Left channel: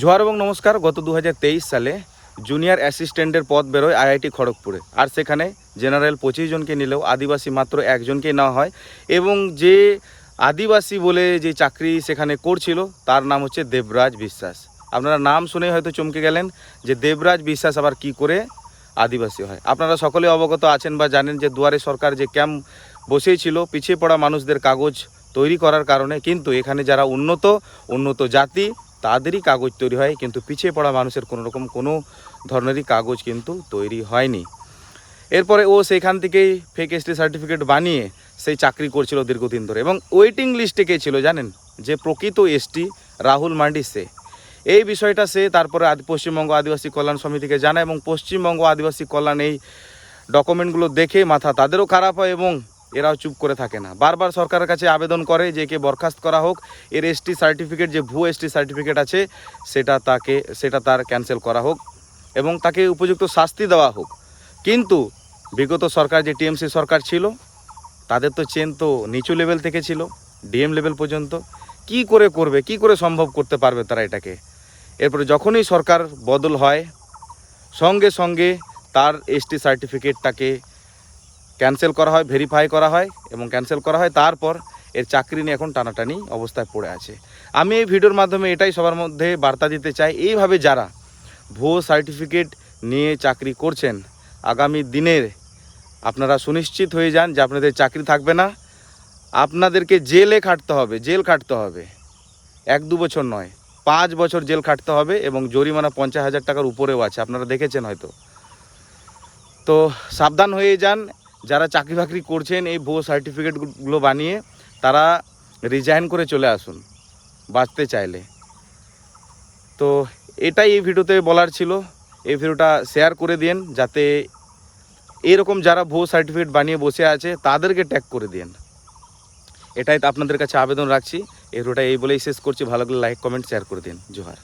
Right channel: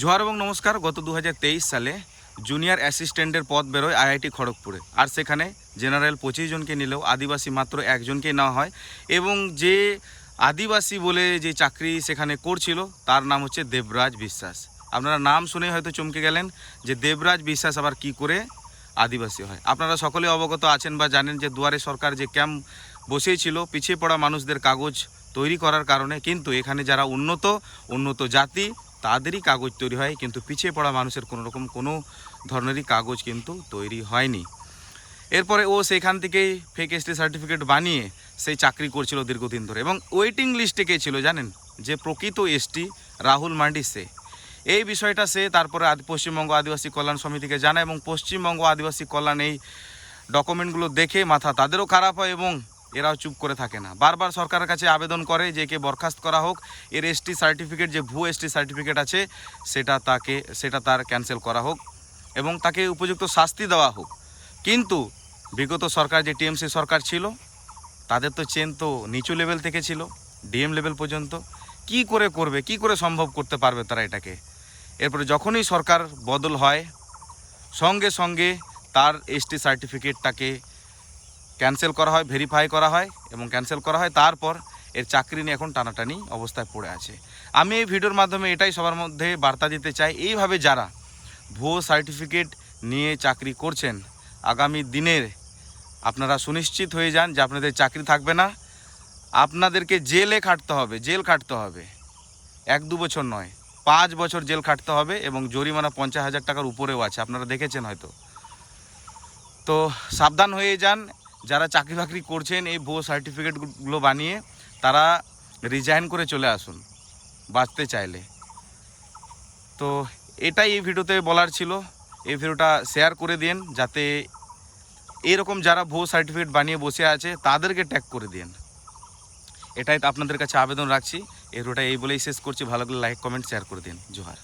জোহার এবং নমস্কার। গত 2023 সালে জুনিয়র অ্যাসিস্ট্যান্টের পদ বেরোয় আইআইটি খড়গপুরে, আর সেখানে জেনারেল 25 জনকে নিলেও আদিবাসী মাত্র একজনকেই নেওয়া হয়। এবং যে আদিবাসী বলে যে চাকরি সেখানে করছিল তার নাম হচ্ছে দেবরাজ বিশ্বাস। আপনারা নাম শুনে হয়তো চমকে গেলেন যে দেবরাজ বিশ্বাস আবার কি করে আদিবাসী হয়। আপনারা সকলে অবগত আছেন বা জানেন যে দুয়ারে সরকার যে ক্যাম্প বসেছিল পিছিয়ে পড়া মানুষদের কাগজ তৈরি করার কারণে, কিন্তু এখানে যারা উন্নত জাতি তাদেরই কাগজ তৈরি হয়, কিন্তু পিছিয়ে পড়া মানুষের কোনো ধরনেরই কাগজ কিন্তু তৈরি হয়নি। এরপরে ও সেখান থেকেই ফেক এসটি সার্টিফিকেট বানিয়ে সেই চাকরি করছিল দীর্ঘদিন ধরে, এবং ওয়েটিং লিস্টে কে ছিল জানেন? যে প্রকৃত এসটি রাহুল মান্ডি সে। এই বিষয়টা সে তারপরে পশ্চিমবঙ্গ আদিবাসী কল্যাণ সমিতিকে জানায়, এবং পশ্চিমবঙ্গ আদিবাসী কল্যাণ এই ডকুমেন্টগুলো দেখে মাথা তাদেরও খারাপ হয়, এবং এরাও চুপ করে থাকে না। বারবার সরকারের কাছে আবেদন করে যে একে বরখাস্ত করা হোক, এর এসটি সার্টিফিকেট যে ভুয়ো এসটি সার্টিফিকেট আছে সেটা তার ক্যান্সেল করা হোক এবং তাকে উপযুক্ত শাস্তি দেওয়া হোক। কিন্তু বিগত সরকার যে টিএমসি সরকার ছিল তাদের তো চেন তো নিচু লেভেল থেকে ছিল, ডিএম লেভেল পর্যন্ত। কি করে করবে, কি করে সম্ভব করতে পারবে তারা এটাকে? এরপরে যখনই সরকার বদল হয় সঙ্গে সঙ্গে তার এসটি সার্টিফিকেটটাকে ক্যান্সেল করা হয়, ভেরিফাই করা হয় এবং ক্যান্সেল করা হয়। তারপর এর চাকরি নিয়ে এখন টানাটানি অবস্থায় পড়ে আছে। আমি এই ভিডিওর মাধ্যমে এটাই সবার মধ্যে বার্তা দিতে চাই, এইভাবে যারা ভুয়ো সার্টিফিকেট নিয়ে চাকরি করছেন আগামী দিনের আপনারা সুনিশ্চিত হয়ে যান যে আপনাদের চাকরি থাকবে না। আপনাদেরকে জেল খাটতে হবে 1-2 বছর নয়, 5 বছর জেল খাটতে হবে, এবং জরিমানা 50,000 টাকার উপরেও আছে, আপনারা দেখেছেন হয়তো। তো সাবধান হয়ে যান, যারা চাকরি বাকরি করছেন এই ভুয়ো সার্টিফিকেটগুলো বানিয়ে তারা রিজাইন করে চলে আসুন বাঁচতে চাইলে। তো এটাই এই ভিডিওতে বলার ছিল। এই ভিডিওটা শেয়ার করে দিন যাতে এরকম যারা ভুয়ো সার্টিফিকেট বানিয়ে বসে আছে তাদেরকে ট্যাগ করে দিন। এটাই আপনাদের কাছে আবেদন রাখছি। এই ভিডিওটা এই বলেই শেষ করছি। ভালো লাগলে লাইক কমেন্ট শেয়ার করে দিন। জোহার।